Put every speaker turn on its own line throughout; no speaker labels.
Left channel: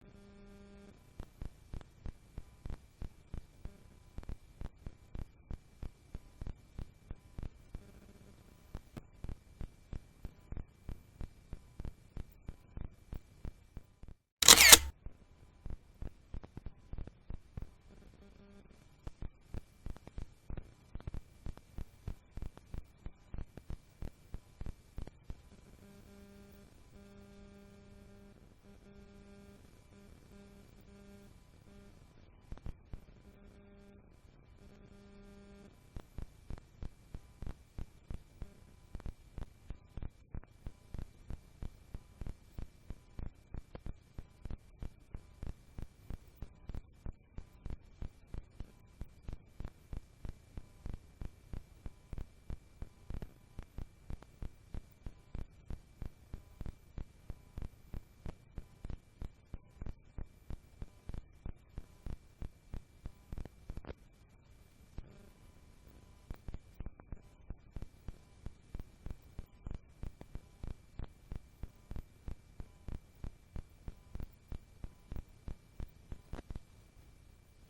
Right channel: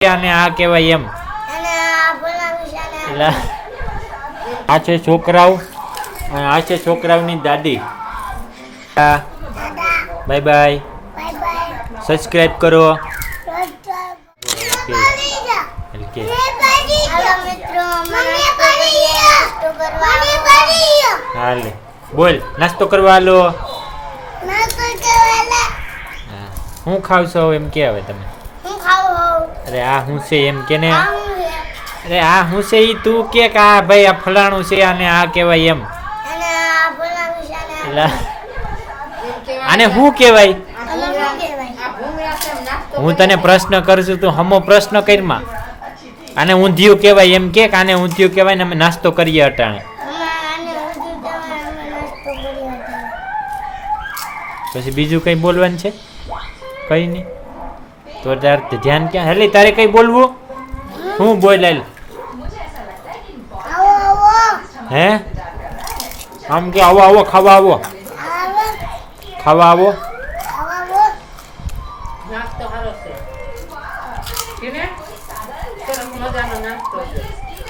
અને આ કહેવાય એમ.
અને આ છે ને
એટલે આ છે છોકરાઓ અને આ છે છોકરાઓની દાદી. Bye bye.
Bye bye.
Subscribe કરો.
હાલો
બોલ નાસ્તો કરવા
કરવા
હા. હું. ખાવ છો એમ કે હવે તમે? અરે આ હું છે એમ કે ને? અરે આ હું છે ઈ તું કે કે આ ભાઈ આ ફલાણું છે અને આ કહેવાય એમ. આને શું કહેવાય? હું તને પ્રશ્ન કરું છું તું હમો પ્રશ્ન કરમાં આને ઊંધિયું કહેવાય એમ કે આને ઊંધિયું કહેવાય ને અમે નાસ્તો કરીએ અટાણે. પછી બીજું કંઈ બોલવાનું છે? કંઈ નહીં. તો તાર ધ્યાન ક્યાં હેલી તારે કંઈ બોલવું હું બોલ હાલ
આવો આવો
હે? આમ કે આવો આવો, ખાવા આવો.
આવો
ખાવા આવો.
આવો આવો
નાસ્તો સારો છે કેને સરસ મજાનો નાસ્તો છે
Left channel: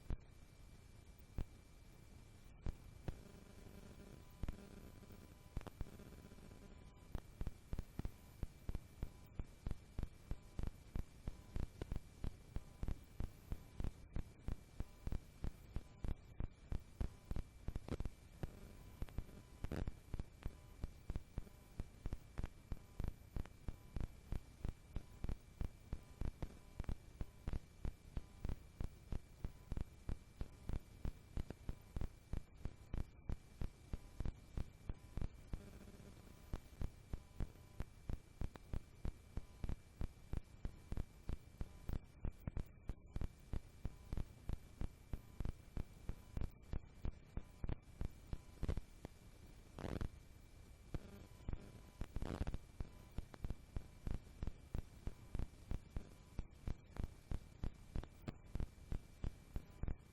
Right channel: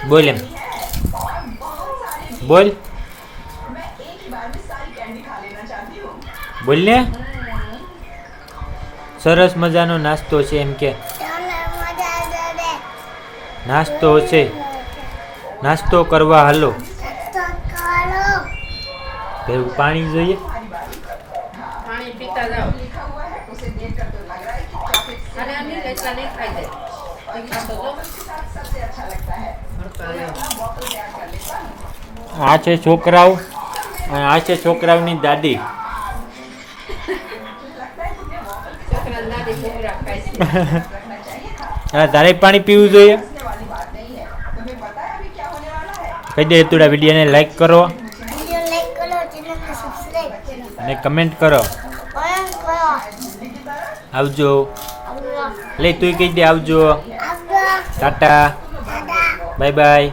બોલ એમ. બોલ. બોલ ને. સરસ મજાનો નાસ્તો છે એમ કે. નાસ્તો છે. નાસ્તો કરવા હાલો.
પેલું
ભેગું પાણી જોઈએ.
પાણી પીતા જાઓ.
આ છે છોકરાઓ અને આ છે છોકરાઓની દાદી. હા તારે પાણી પીવું જોઈએ. કહી દે તુડા વિડીયોને લાઈક કરો. અને કમેન્ટ કરો. આવજો. લે તું કહી દે આવજો. ટાટા. બાય બાય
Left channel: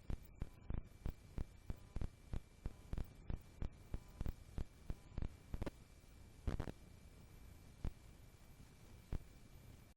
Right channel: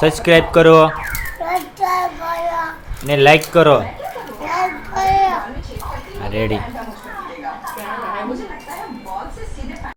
સબસ્ક્રાઈબ કરો. ને લાઈક કરો.
રેડી 来，
我先来。